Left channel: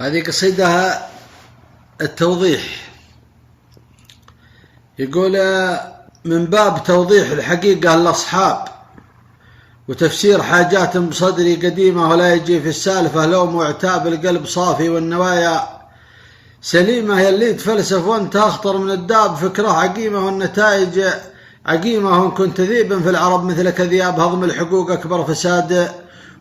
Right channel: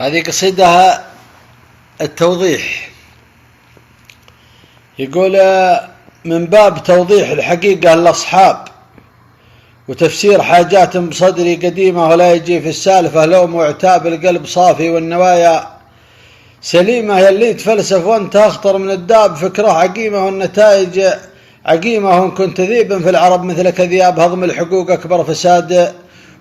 هذه قصيدة التوضيح. يقول: من باب توضيح الحقيقة للأصحاب وتفسير حاجات بصدري قديمة، ولا يجي في السالفة لوم وعتاب، القلب صافي والنوايا سليمة. يلي تفلسف وانت أخطر من الداب، فكره عقيمة والنتائج عقيمة. وإن كنت ذيبا في العرب مثلك ذياب، هضم الحقوق أكبر فساد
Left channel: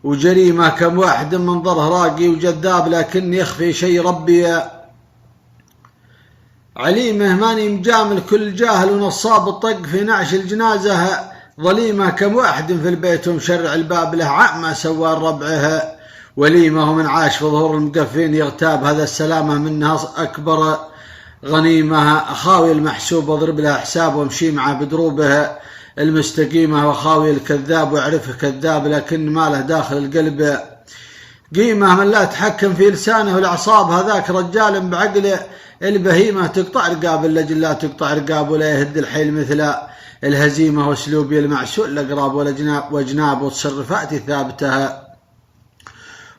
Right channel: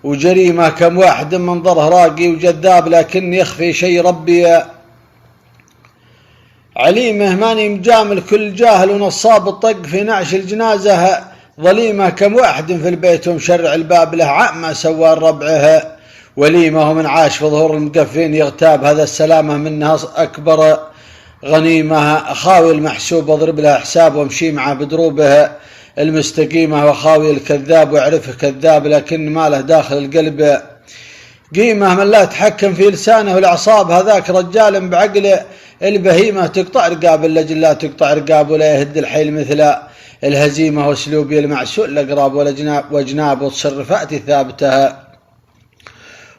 وجريمة. كم واحد منظره راقي وجذاب، لكن يخفي شيء ربي عليمه. ماني مجامل كل جاهل ونصاب، الطق في نعش الجنازة ظليمة. كم واحد في البيت ومشرع الباب، له عامة سوى ربعه وليمة. ومن عاش في ظهور المقفين يغتاب، هذا السلامة منها أكبر غنيمة. أخاوي المحسوب اضرب له حساب، وامشي معه بدروبه المستقيمة. وخاوي الكذاب واعرفه كذاب، لكن ما له داخل القلب قيمة. من لا تحكم في لسانه والأعصاب، هذاك رجال بعقل البهيمة. تقطع رقاب اللجل لا تقطع رقاب، ولا يهد الحيل مثل الهزيمة. واسلوبي المعسول الأقراب وجناب وتصرفاتي ثابتها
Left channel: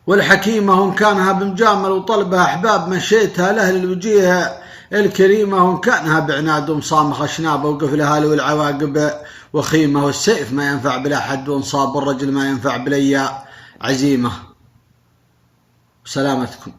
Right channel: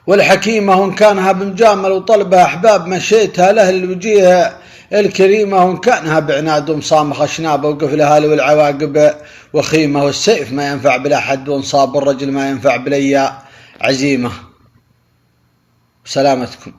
والحكيمة. وإن كانها بمجامل وطلبها أحباب، مشيتها لأهل الوجيه الكريمة. وإن كانها بعناد ومصامخة شنابة، وقفلها له العواقب وخيمة. والسيف ما ينفع بلا حد، وانصاب الرجل ما ينفع بليا عزيمة. سلامتكم.